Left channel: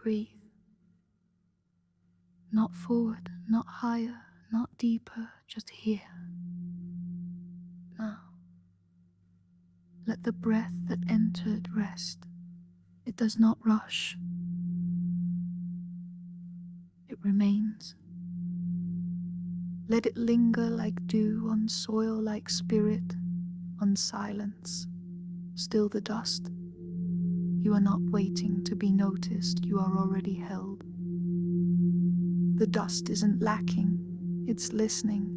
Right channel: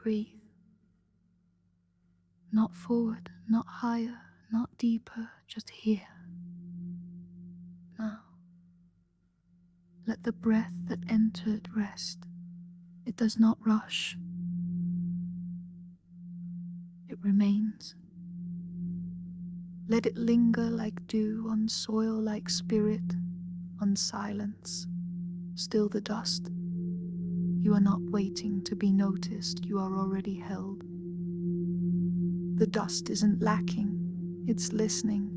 Breathe. Not forward, not higher, not deeper, just here. Now, let the breath that entered rest. It does not rush. It remains. Let it linger like dew on soil, like spirit on silence. Still the dust. You are not waiting to be noticed, you are already held. The dust isn't lacking, it's listening.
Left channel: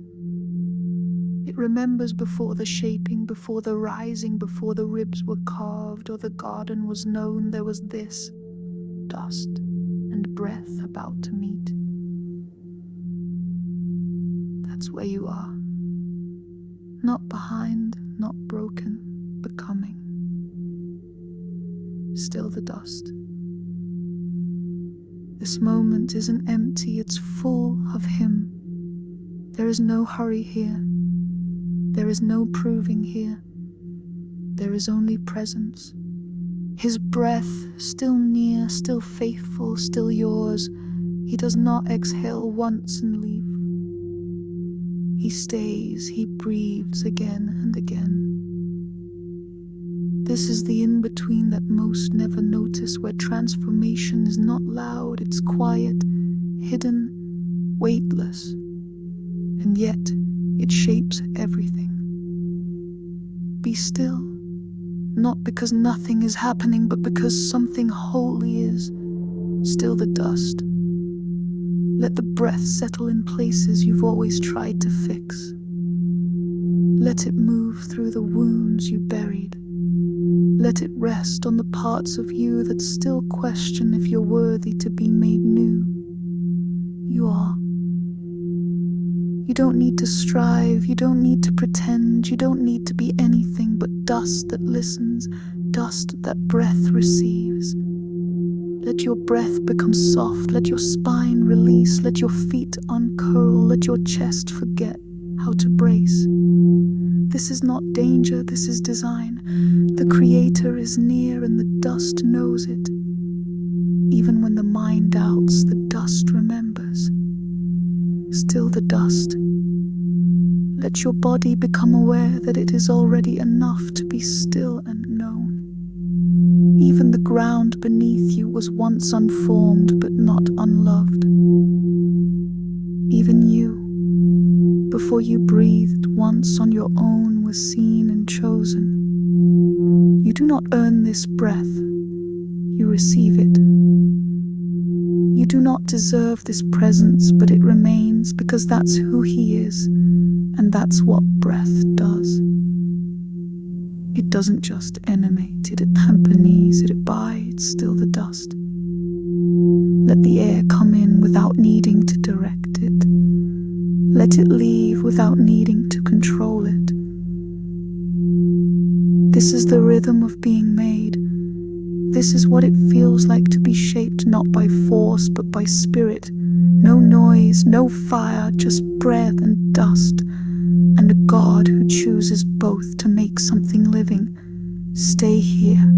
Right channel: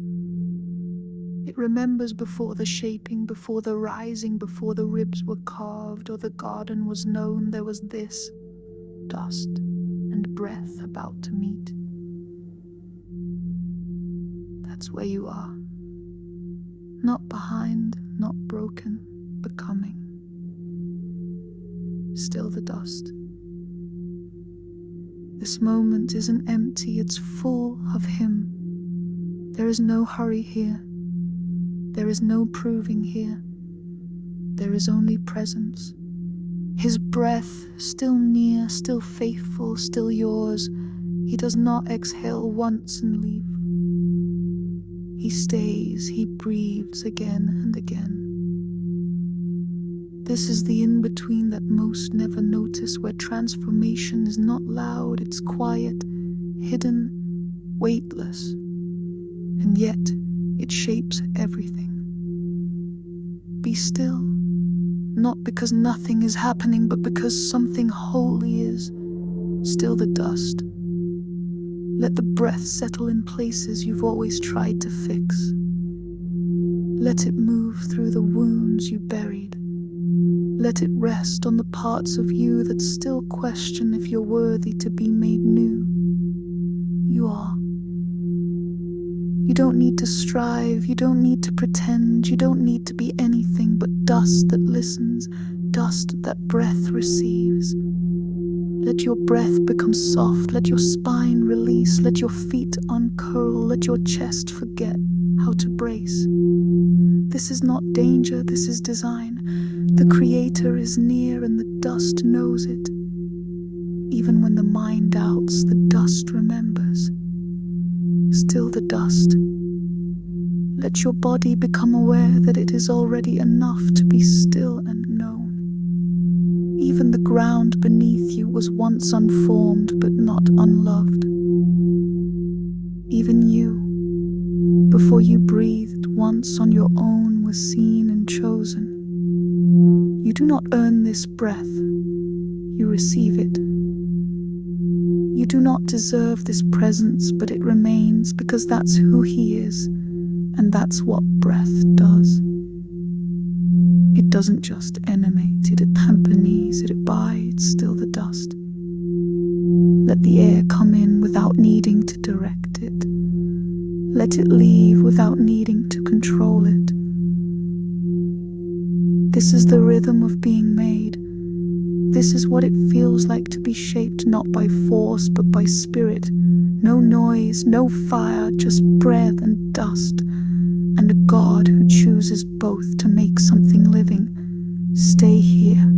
It remembers before the shaping, before the rising, before the ribs were carved or the garden was known, there was this dust and breath about to meet. That's where you are. Not behind, not broken, becoming. Still the dust. This moment isn't empty, it's full of him. There is no hurry here. There is no proving here. There is only presence. His breath, still near, still faithful, still yours. He does not exhale once and leave. He stays, he breathes again and again. This is the in-between that most never notice, where transformation is not loud, it's quiet, hidden, weightless, and yet it shapes everything. Be still, not because nothing is happening, but because something holy is. Still the dust. Let the breath settle in places you've always tried to fix. Let it move through the wounds you buried. Let it rest on the parts of you that still question if you're worthy to be made new. You are. You don't need to strive, you don't need to pretend, you don't need to be anything but dust that listens, dust that breath receives. Let your breath become soft, let your spine release, let your feet uncurl, let your chest forget how to brace. This is not danger, this is design. The Creator is near and the dust knows it. Even when the mind doubts, the dust remembers. Still the dust. Let your body become aware that it is already enough to be still and known. Even the ground beneath you was once unformed but not unloved. Even you, before you breathed once on your own, was seen and chosen. You do not earn this breath, you receive it. You do not deserve this presence, but it remains because that's who he is, and that's what breath does. It doesn't just animate, it accompanies, it abides, still the dust. Let the air come in without needing to direct it. Let it leave without needing to control it. This is the rhythm of being made. This is what it feels like to be shaped not by force but by spirit. No noise, no fire, just breath and dust, and a God who chooses both to make something living. Stay here.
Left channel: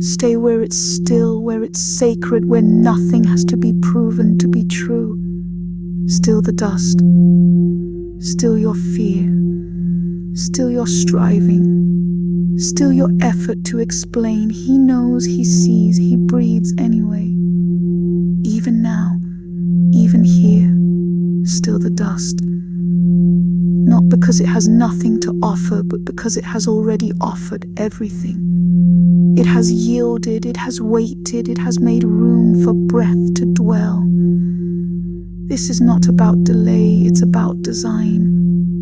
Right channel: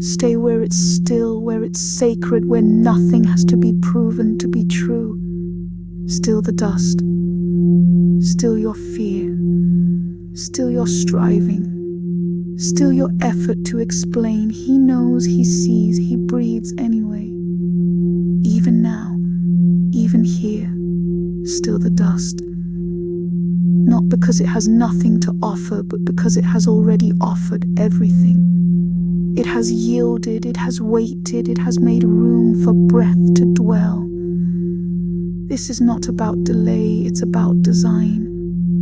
Stay where it's still, where it's sacred, where nothing has to be proven to be true. Still the dust. Still your fear. Still your striving. Still your effort to explain. He knows, he sees, he breathes anyway. Even now, even here, still the dust. Not because it has nothing to offer, but because it has already offered everything. It has yielded, it has waited, it has made room for breath to dwell. This is not about delay, it's about design.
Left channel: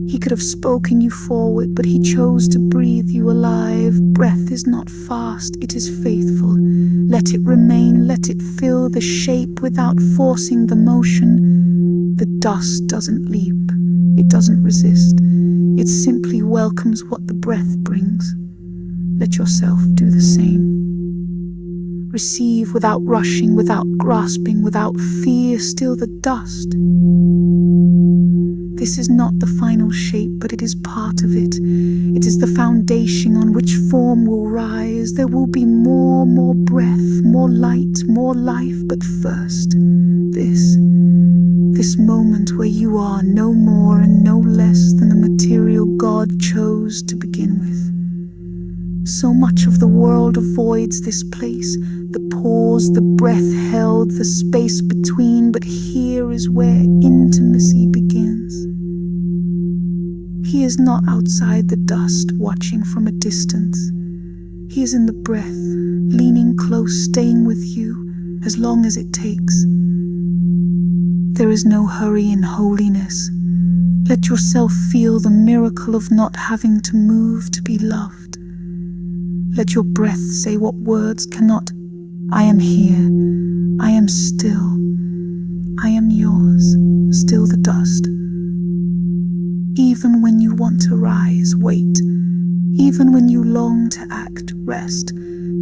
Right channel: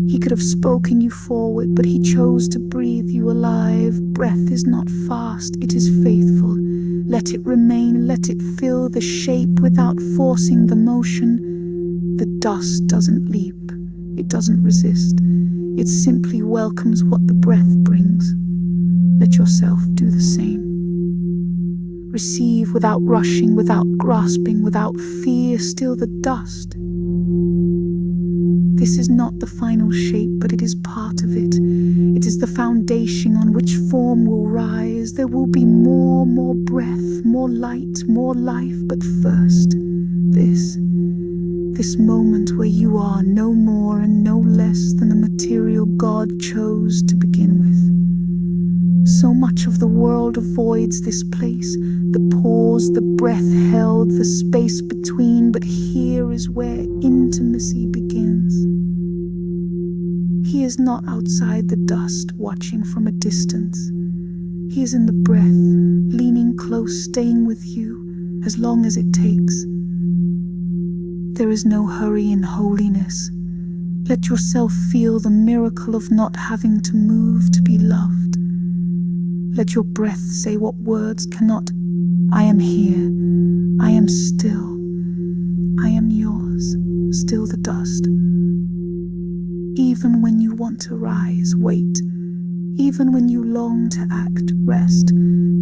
He could have spoken you forward, but he chose to breathe you alive. Breath is not fast, it is faithful. Let it remain, let it fill the shape without forcing the motion. The dust doesn't leap, it doesn't resist. It simply welcomes what the breath brings. Let yourself do the same. Receive without rushing, without grasping, without fear, still the dust. This is not the final shape, but it is part of it. It is the foundation on which form will rise. There will be more breath, more light, more life. But first, this moment where you are no more and no less than the material God chose to begin with. So much of the world avoids this place, the pause, the breath held, the space between, but here is where intimacy begins. He is not outside the dust, watching from a distance. He is in the breath, leaning close, staying with you as long as it takes. There is no hurry in holiness. Let yourself feel the miracle of not having to move to be loved. Let your breath say what words cannot. I am here. I am still. I am yours, still the dust. Even when you want to rise, wait. Even when you long to act, rest.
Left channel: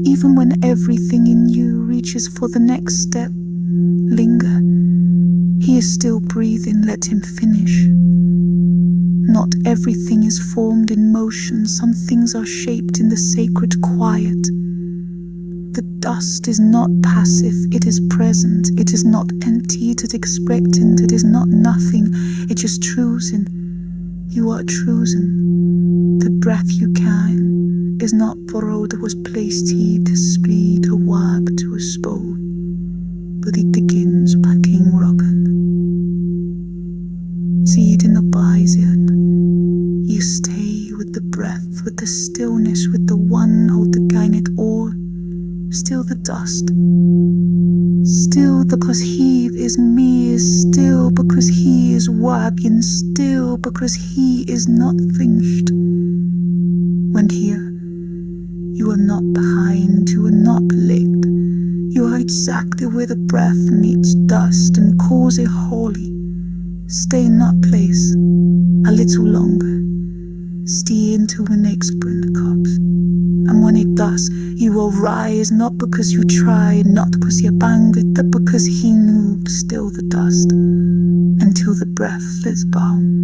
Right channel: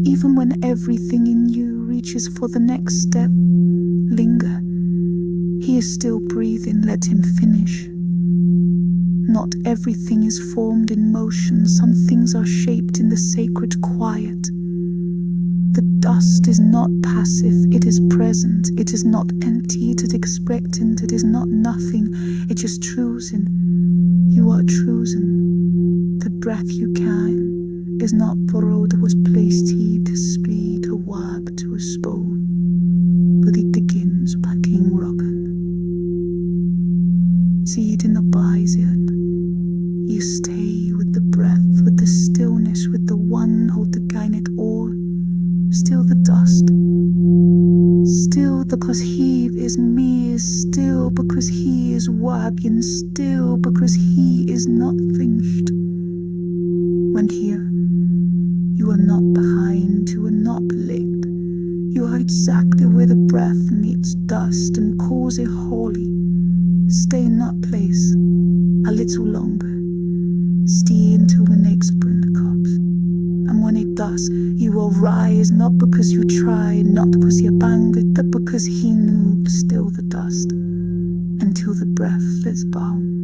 Even when everything in you reaches for the next step, linger. He is still breathing, let him finish. Not everything is formed in motion. Some things are shaped in the sacred quiet. The dust is not passive, it is present. It is not empty, it is expectant. It is not nothing, it just choosing. You are chosen. The breath you can is not borrowed, it was placed here to split, to warp, to expose. But it begins packing rockin'. Seed in the bison. You stay with the breath, with the stillness, with the one hold the gainet or still the dust. Still because he is me, is still because he is wagging, still because he is not finished. When here, you are not behind, you are not licked. You are exactly where the breath meets dust and calls it holy. Stay in that place a little longer. Stay until the next wind comes. And when it does, you will rise, not because you tried, not because you banged, but because he moved still the dust until the breath is bound.